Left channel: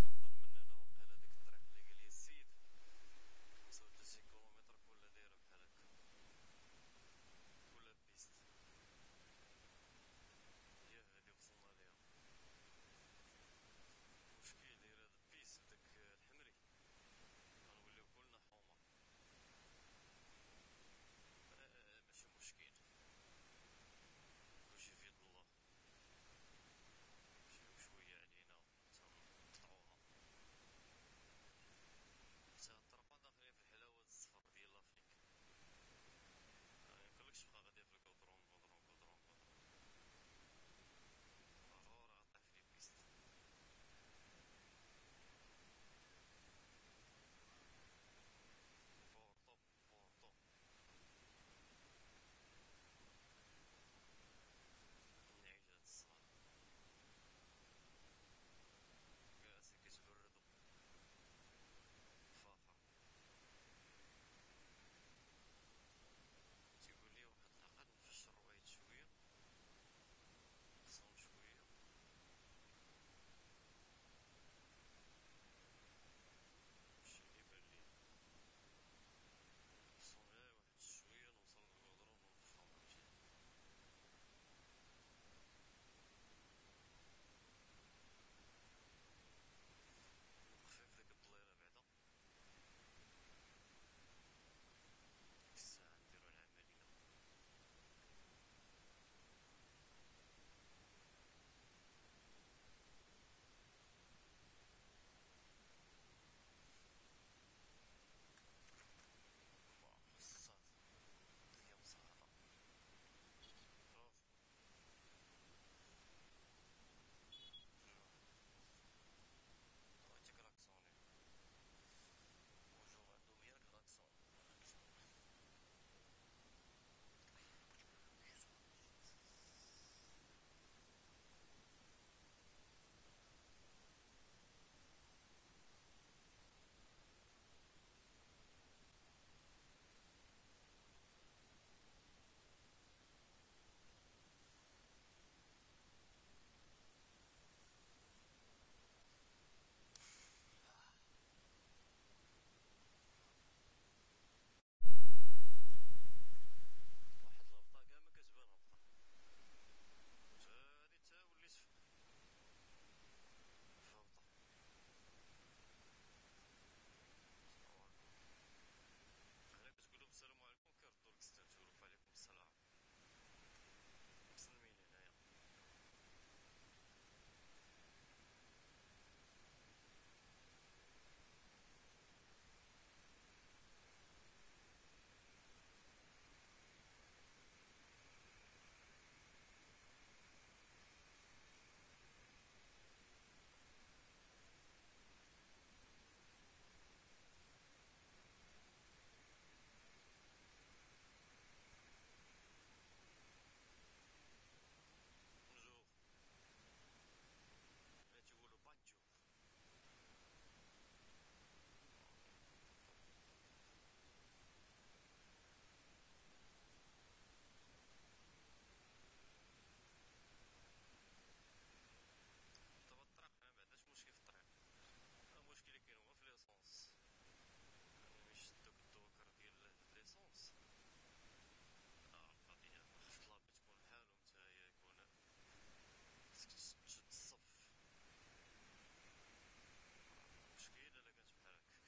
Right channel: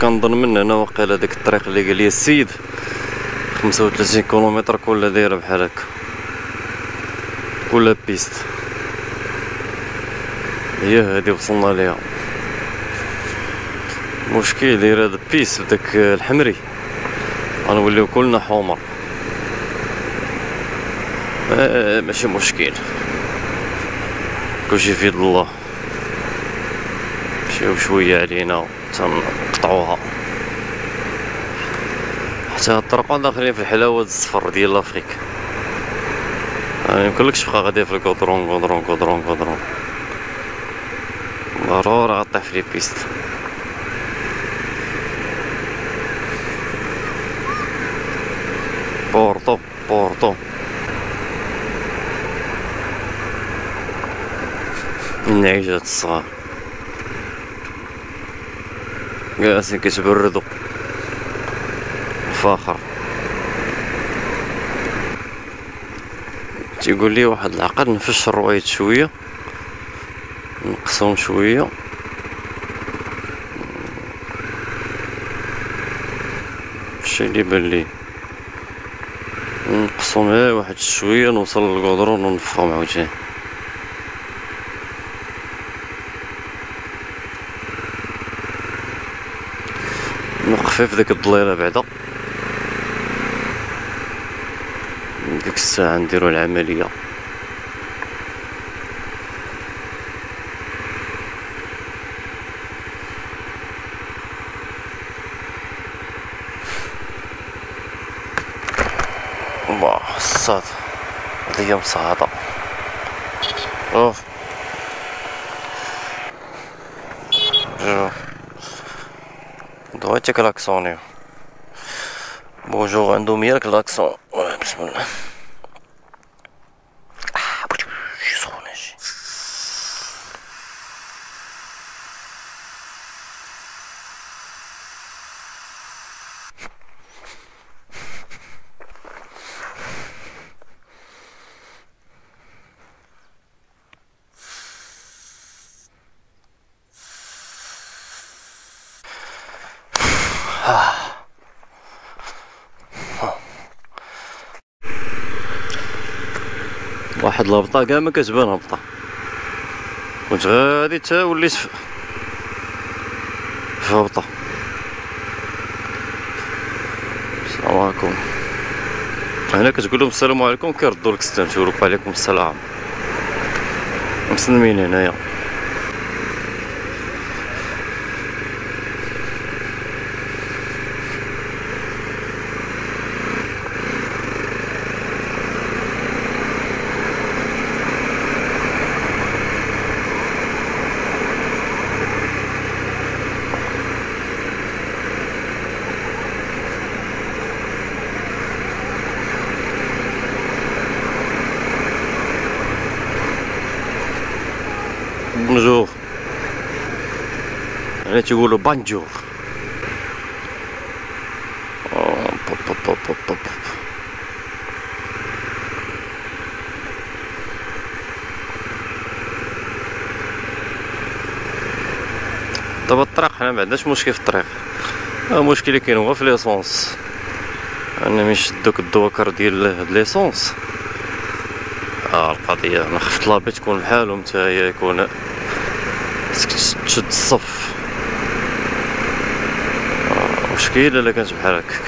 كنظن من هنا واقيلا ديك الطريق اللي قال لي السيد 35 كيلومتر كلها دايره بحال هكا، كلها بيست. هي هادي وصلنا ليها. مشكل داير هاد بيست بداك الحمري غنوليو كلنا حمر. ماشي مشكل، كلشي في يد الله. مشيو شويه علينا تنقطعوها حتى هاد الطرق داخلين في الحلاوه الصفر ديال لافريك. ميمكنلكش تبقى غادي في الكودرون كودرون كودرون كودرون، ضروري غطيح في لي بيست. بورطو بورطو النعيجات الصغار جالسين كيتبردو فاخر. تيقول لي واحد العقل نفش الروايد شويه، نقصهم شويه، الشي اللي بان لي نقصهم غير واحد شويه، نوصل للكودرون ونفخهم عاوتاني. نوقف في ديك الضليله بعدا، ديك الساعه نديرو العمليه. واه الصاد هادي مصعدة. اوف جو دويتي كلاكسونيو. بونجور عندهم يا كلاكسون. بسم الله. شي سخونة شي. واحد الهبطة كاع ما كتبان هبطة، كنت غادي تا وليت في هبطة. السلام عليكم. هنا كتقول لهم السلام عليكم كيردوا لك السلام، تيقول لك وعليكم السلام. مسلمين هنايا. بونجور، هنا تيقولوا بانجور. دابا الطريق حنا معندناش مشكل في الطريق، المشكل اللي كاين هو في ليسونس. انا من شدوك الدوكر ديال هاد ليسونس، القضيه انا خفت لابي تكون بحالهم نتايا، يكون خصك تشد الصف. مشكله الا كانت بحال هكاك.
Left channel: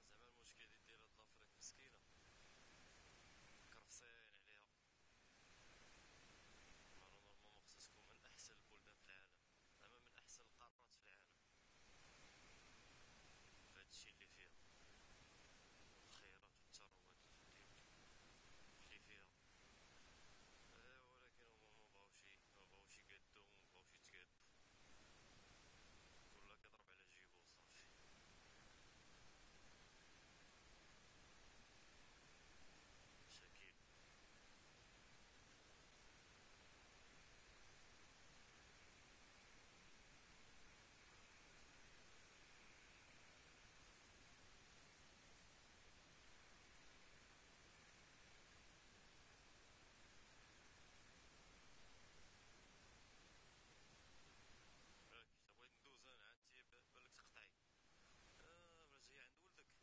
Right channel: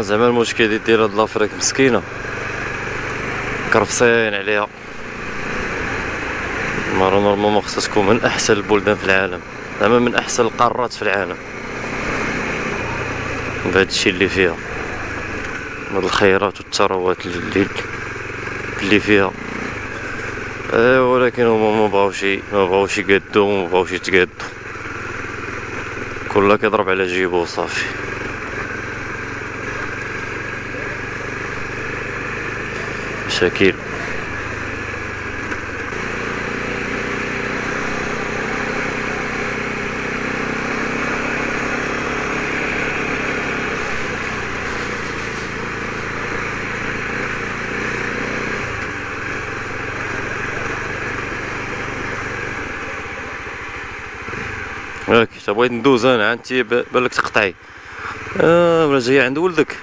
زعما المشكل ديال هاد لافريك مسكينه، كرفسين عليها. نورمالمون خصها تكون من احسن البلدان في العالم، زعما من احسن القارات في العالم بهذا الشيء اللي فيها، هاد الخيرات والثروات اللي فيها. ولكن هما ما بغاوش يقادو، ما بغاوش يتقادو، كلها كيضرب على جيبو وصافي. مشاكل. هاك بغيت ندوز انا عندي بالك تقطعي. ولا جايه عند ولدك؟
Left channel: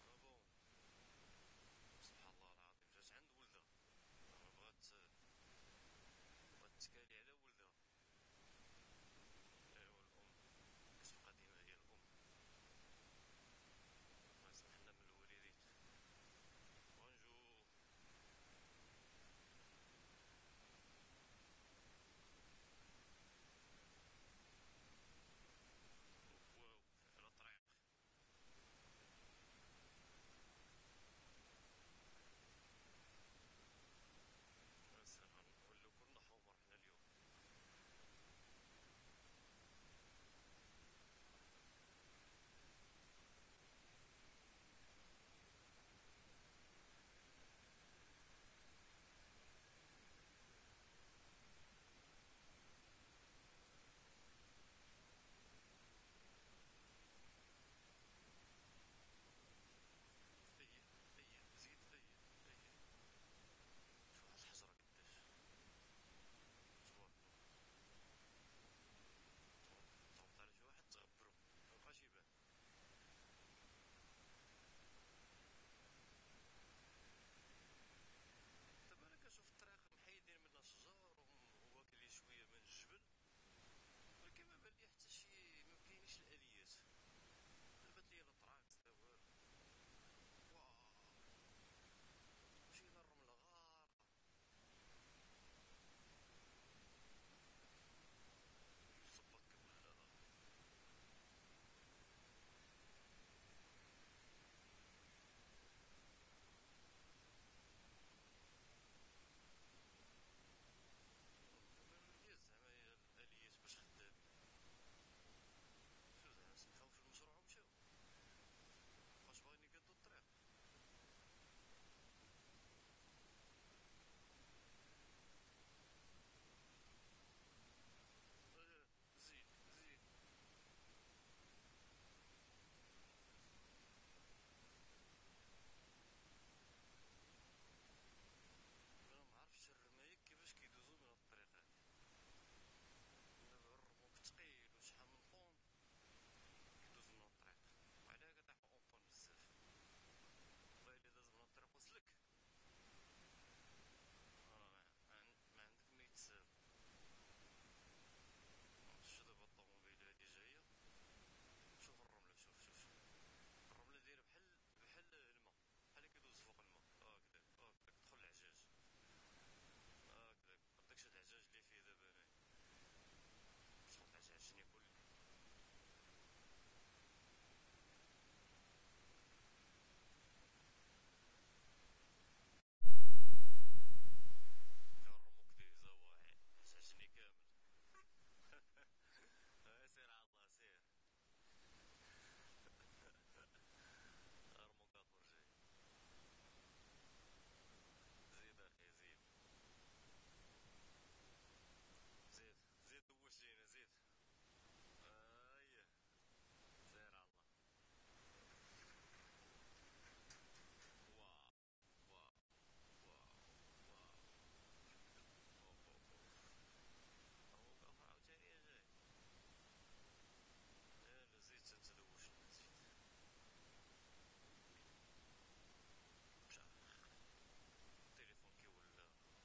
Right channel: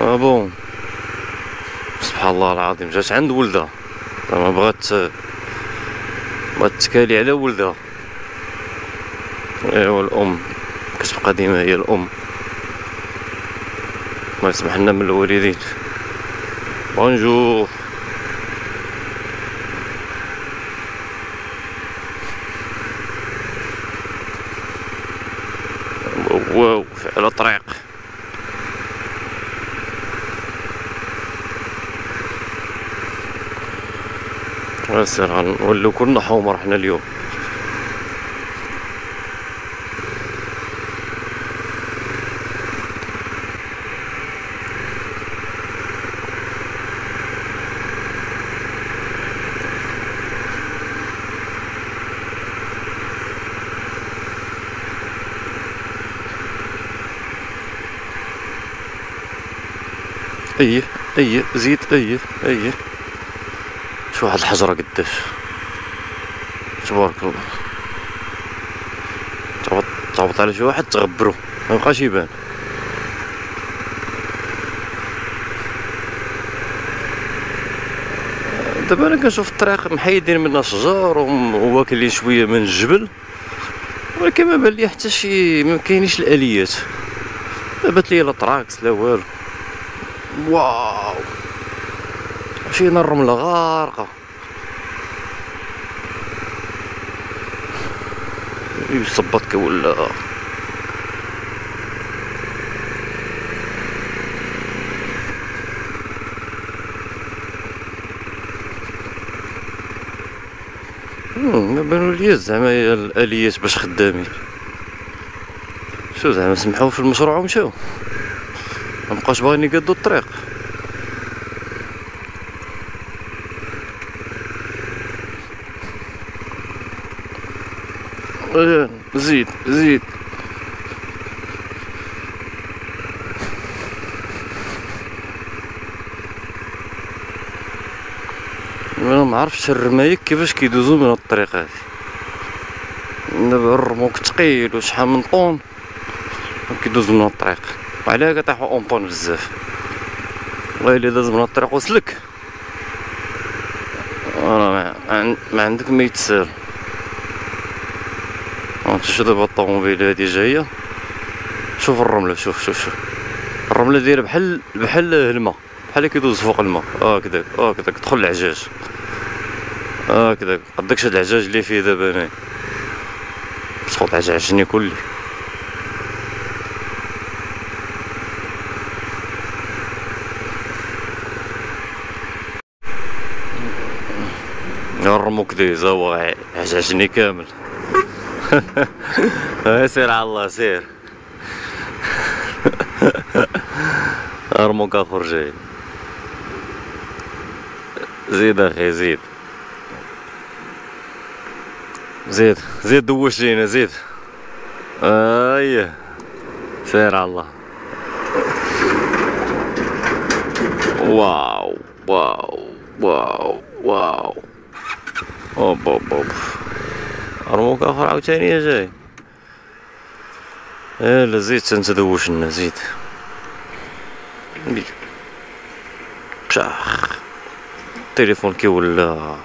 بون. سبحان الله العظيم، جات عند ولدها ما بغات تكالي على ولدها. ايوا الام كتبقى ديما هي الام، الله يسمح لنا من الوالدين. بونجور. واو على طريق. سير غنوليو كلنا حمر حنا اليوم. ايه زيد ايه شو واحد الحجرة قداش، تبارك الله. تعبط على شي واحد تغبرو ميبقاش يبان. دابا انا كنشوف الطريق محيدين منها شجر وواكلين شويه من الجبل، ولكن ما بان لي حتى شي، ما كاينيش الاليات. ما بات لي لا طراكس لا والو. واو مشينا الرمله غارقه. يصبطك ولا ما بانوا لي زعما الاليات باش خدامين. شو زعما سمحوا في المشروع ومشاو، ما بقاوش باغيين يقادوا الطريق. زيد انا ما عرفتش الرمايك كيفاش كيدوزو من الطريق هذه. دابا الرموك ثقيل وشحال من طون كيدوزو من الطريق، وعلاه كطيحو اون طون بزاف. والله الا داز من الطريق وسلك راه ما عندك ما يتسال. شوف دابا الطوموبيل هادي جايه، شوف الرمله، شوف الرمله دايره بحال الماء، بحال كيدوز فوق الماء. هكذاك دخل العجاج. هكذاك قداكش هاد العجاج اللي فيه دابا انايا، سقط عجعجني كلي. الرموك دايزه هو عجعجني كامل. سير على الله سير. رموك اخر جاي. زيد اخي زيد دوش لينا زيد. ايه سير على الله. واو اوب رموك اخر عاوتاني جاي. لا زيد تنتدوش لنا زيد. بشاخ التليفون كيولى.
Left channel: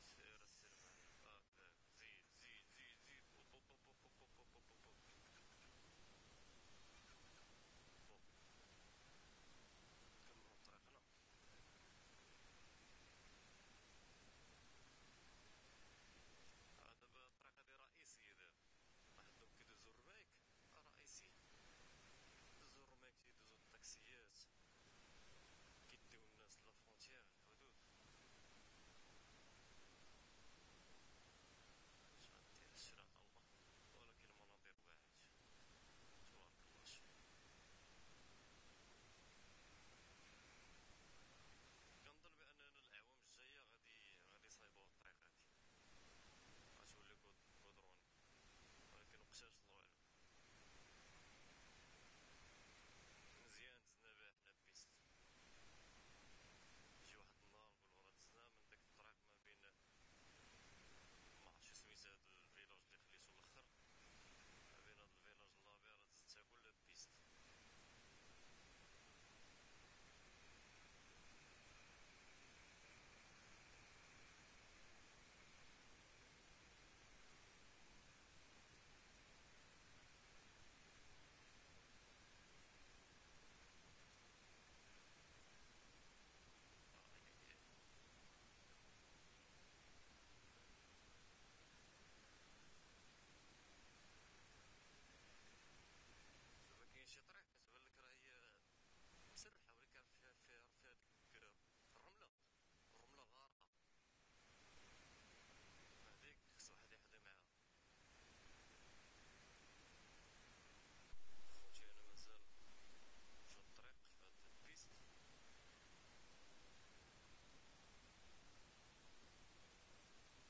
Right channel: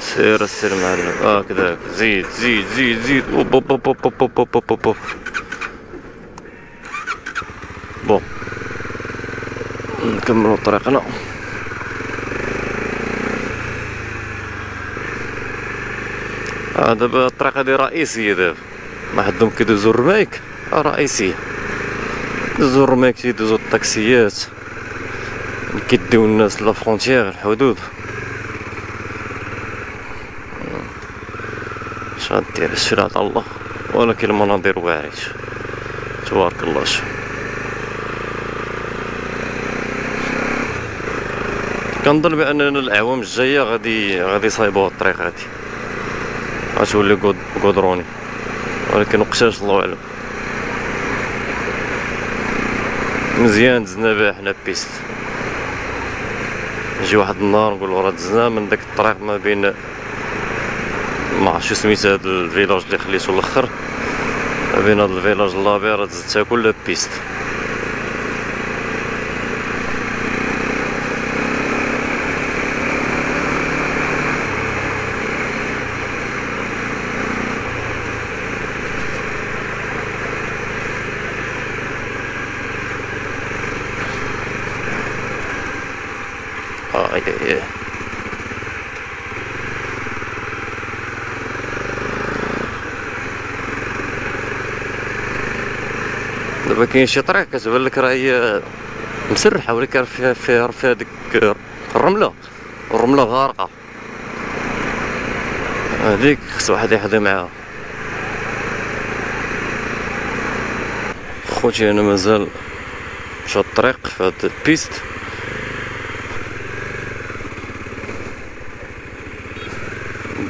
سير معلم. هكذاك زيد اوب. بون نكملو طريقنا. دابا الطريق هادي رئيسية، دابا ما حدهم كيدوزو الرمايك رئيسية. كيدوزو الرمايك كيدوزو الطاكسيات كيديو الناس لافرونتيير الحدود. اش غدير الشي على الله، ولكن المناظر واعرة تبارك الله. شوف كنظن باننا الاعوام الجايه غادي يصايبوها الطريق هادي، غتولي كودروني، ولكن وقتاش الله اعلم. مزيان دزنا بها حنا بيست، يجي واحد النهار نقولو راه دزنا من داك الطريق ما بين، ما عرفتش شو سميت هاد الفيلاج اللي خليتو الاخر، ما بين هاد الفيلاج لابي راه دزتها كلها بيست. اي اي اي دابا كاين شي طريق كتبان لك راه هي مسرحه، ولكن فيها ديك الرمله، الرمله غارقه، هذيك خص واحد يحظي معاها. خوتي انا مازال مشى الطريق في هاد البيست،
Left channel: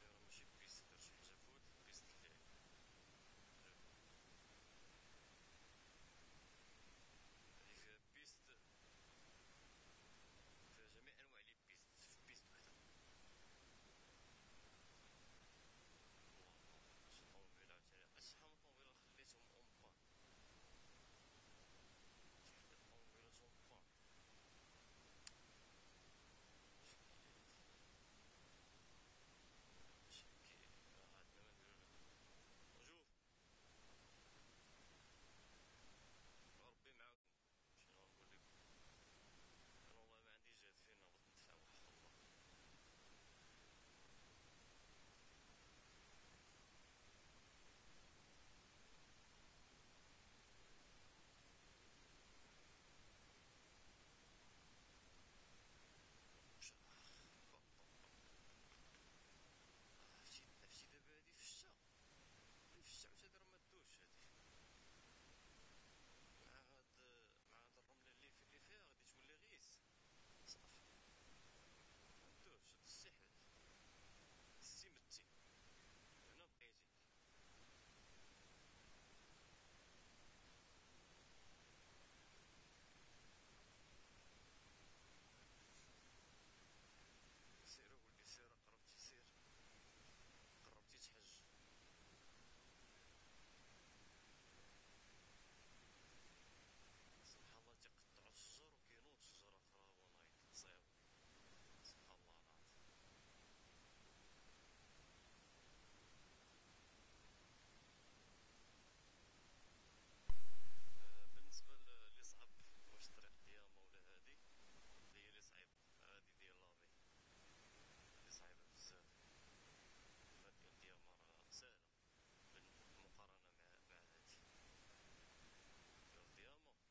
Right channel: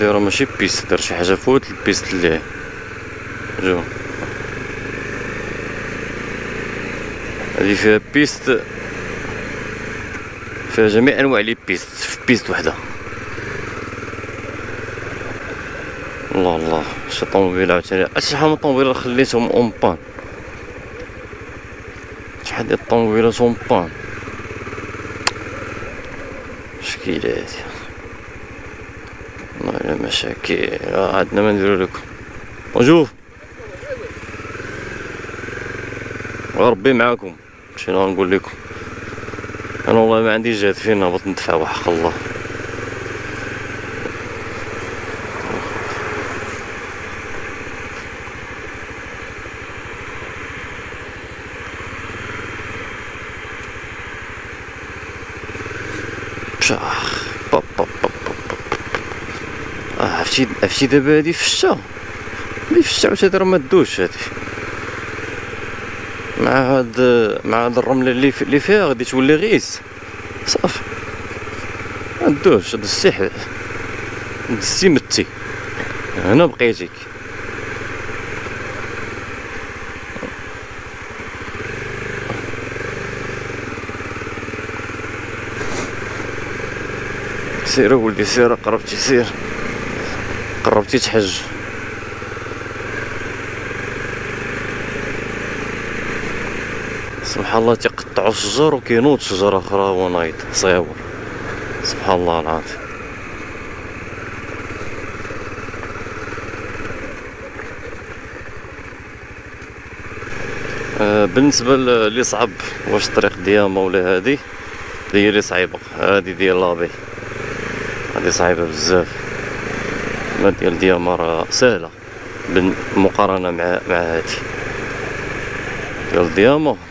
دايره ماشي بيست، دار شي حاجه فوت البيست اللي جو. هادي فيها بيست، فيها جميع انواع لي بيست في بيست وحده. الله الله، شي طوموبيل عاوتاني، شحال من طوموبيل خليتهم اون بان، شحال ديال الطوموبيلات اون بان، مشكلة هادي والله الا مشاكل. عندنا ما نديرو لكم. بونجور، ربي معاكم، شنو غنقول لكم، انا والله ما عندي جهد فين نهبط ندفع وحق الله. بشاخ باب باب باب باب. عرفتي دابا هادي في الشتا، اللي في الشتا عاوتاني راه مدوش هادي، مع هاد الرمله اللي فيها غادي تولي غيس صافي، مدوش دزتي متي، هنا بقيتيك. سير ولدي سير، قربتي سير، قربتي تحج. سبحان الله، تيقطعوا الشجر وكينوض شجره اخرى هو نايض صغيور، سبحان الله العظيم. بالنسبه اللي صعب واش الطريق دياما ولا هادي، هي اللي صعيبه، هادي ديال لابي هادي صعيبه بزاف، ما ديال دياما راه ساهله بالمقارنه مع هادي. ديال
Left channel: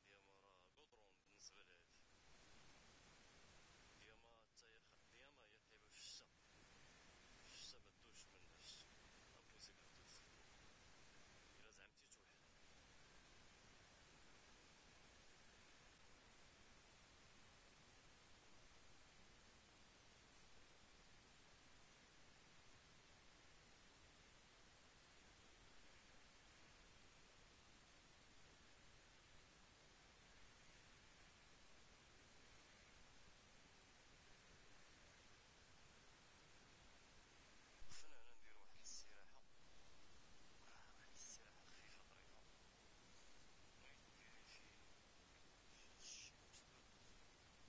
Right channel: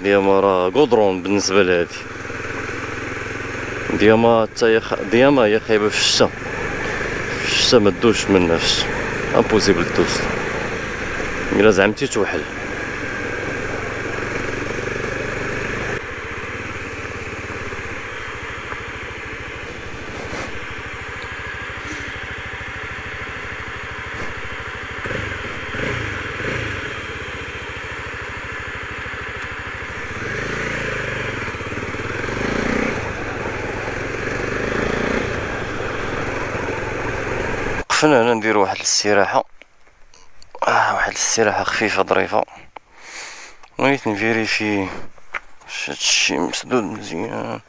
دياما راه غودرون بالنسبه لهادي. دياما هي خايبه في الشتا، في الشتا ما تدوش منها، في الشتا امبوسيبل دوز، الا زعمتي توحل. وقفنا هنا نديرو واحد الاستراحة، واحد الاستراحة خفيفة ظريفة، بغيت نفيريفي واش هادشي مسدود مزيان.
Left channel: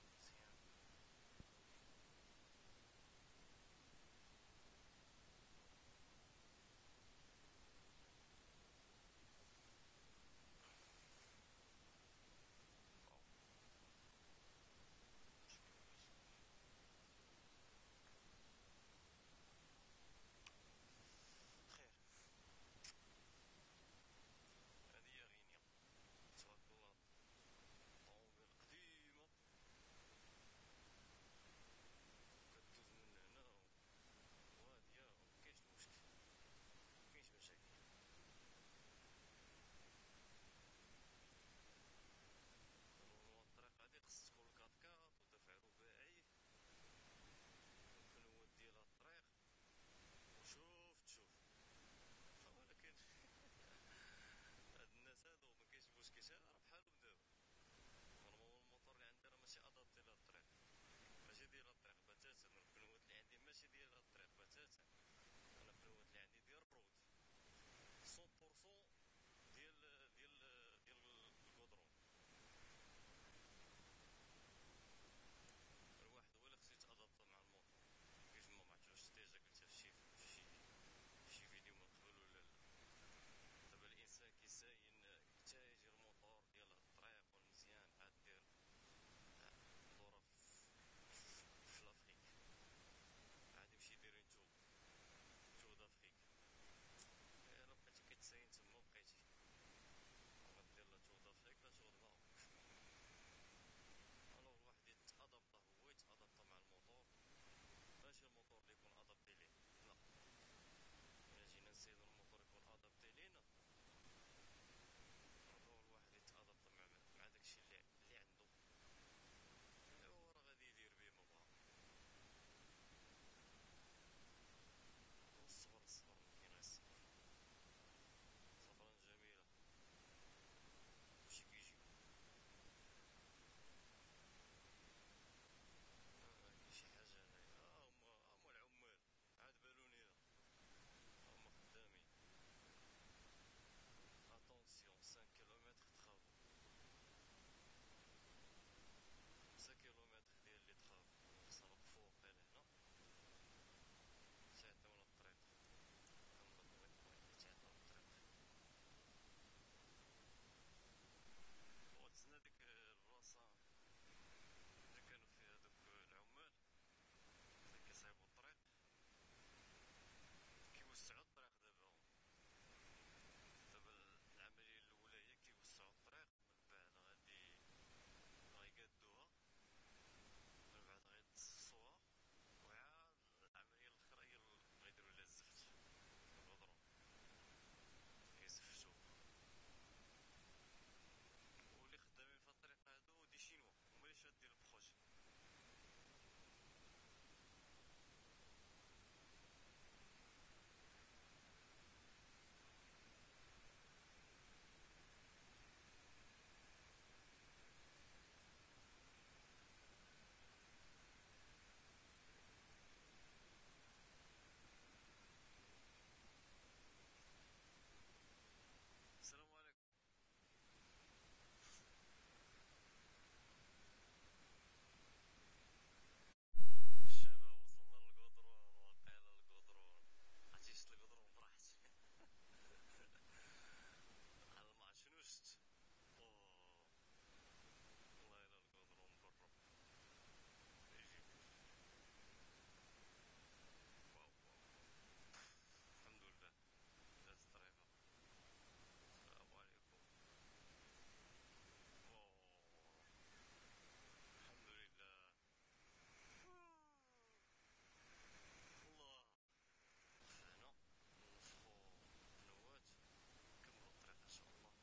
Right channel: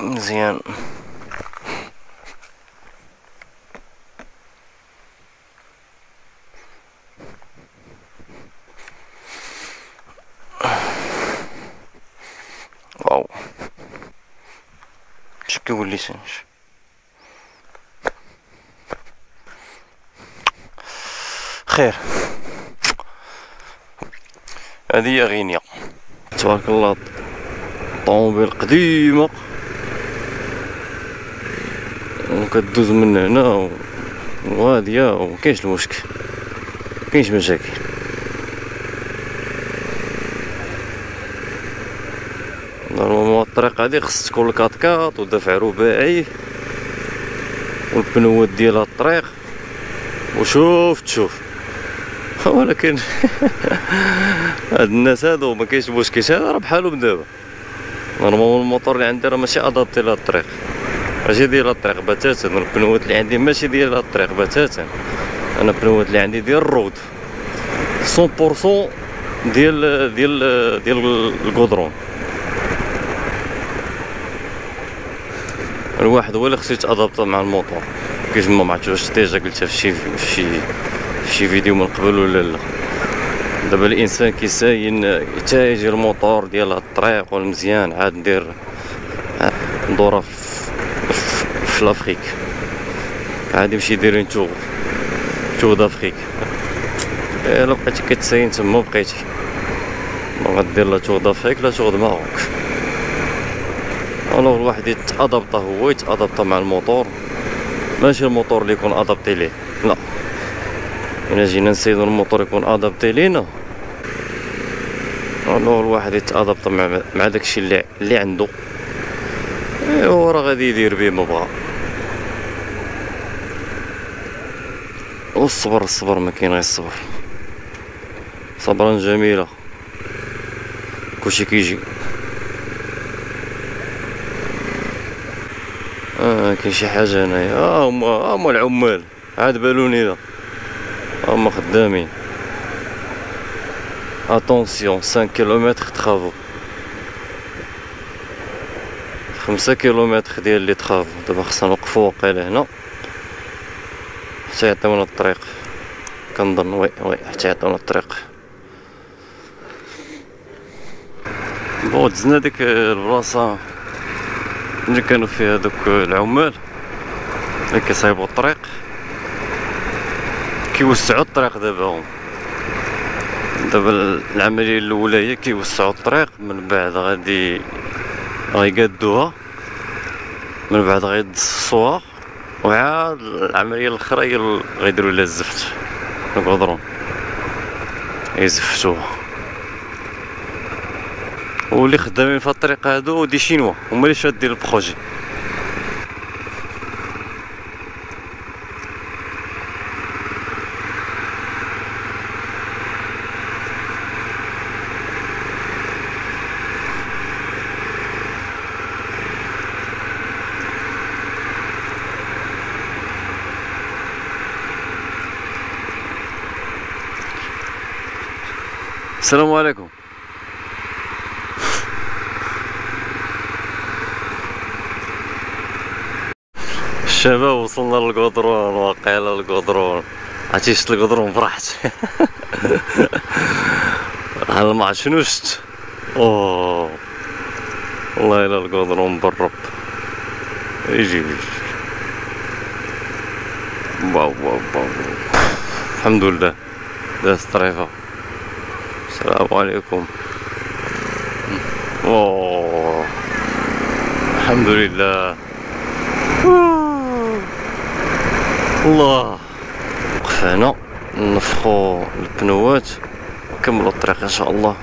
مزيان واو، اش كيقول لي سانش خير. هذه هي غينيا تبارك الله، طوموبيل قديمة وكدوز من هنا وهادية ومكاينش المشكل، مكاينش مشاكل. نورمالمون الطريق هادي خص تكون الكاطكاط ودفع رباعي والبنوات ديال هاد الطريق وشوف تشوف. ولكن هاد الناس هادو ما كاينش مشكل، هذا راه بحالهم دابا. نورمالمون الموطور اللي عندي راه ماشي ادابتي لهاد الطريق، ماشي ديال هاد الطريق بتاتا. البنوات اللي عندي ماشي ديال هاد الطريق بتاتا، انا البنوات اللي عندي ديال الرود 100% ديال الكودرون. الواحد هو اللي خصو يتادابطا مع الموطور، كيف ما عرفتش واش ديجا قلتها في شي فيديو من قبل ولا لا. دابا الانسان كيساين حتى يجي الموطور ديال هاد الطريق والمزيان عاد ندير ندورها في لافريك، عادي نمشي دايرين تور دافريك. الا بقيتي كتساين تما بقيتي ما غدير لا تور دافريك لا تور د ماروك. الوغ الواحد يتادابطا، هو يتادابطا مع الموطور، ماشي الموطور اللي يكون ادابتي ليه، لا. الا جينا نسيدو الموطور يكون ادابتي لينا، الوغ الواحد يتادابطا مع داكشي اللي عنده، ايوا راه غادي يدير بيه ما بغا. والصبر ما كاين غير الصبر، صبرا جميلة كلشي كيجي. كاين شي حاجة هنايا، هما العمال عاد بالوني دا هما خدامين. اتونسيون 5 كيلومتر تخافو، 5 كيلومتر ديال لي تخافو. دابا خصنا نوقفو واقيلا هنا حتى يعطيونا الطريق، كنظن وي حتى يعطيونا الطريق. بون دزنا ديك البلاصة اللي كانوا فيها دوك العمال اللي كيصايبوا الطريق، كيوسعوا الطريق دابا العملية الأولى هي كيوسعوا الطريق، من بعد غادي غيقادوها، من بعد غيدصوها، وعاد العملية الأخرى هي غيديروا لها الزفت الكودرون، يزفتوها. واللي خدامين في الطريق هادو دي شينوا هما اللي شادين البروجي. السلام عليكم. الشباب وصلنا للقدرون، واقيلا القدرون، عرفتي شفت القدرون فرحت. انا ما عرفت شنو شفت، اوه والله الا القدرون بالرب. يجي واو واو واو، الحمد لله داز طريفة. السلام عليكم. اوه الحمد لله. الله وقفنا نفخو البنوات ونكملو الطريق ان شاء الله.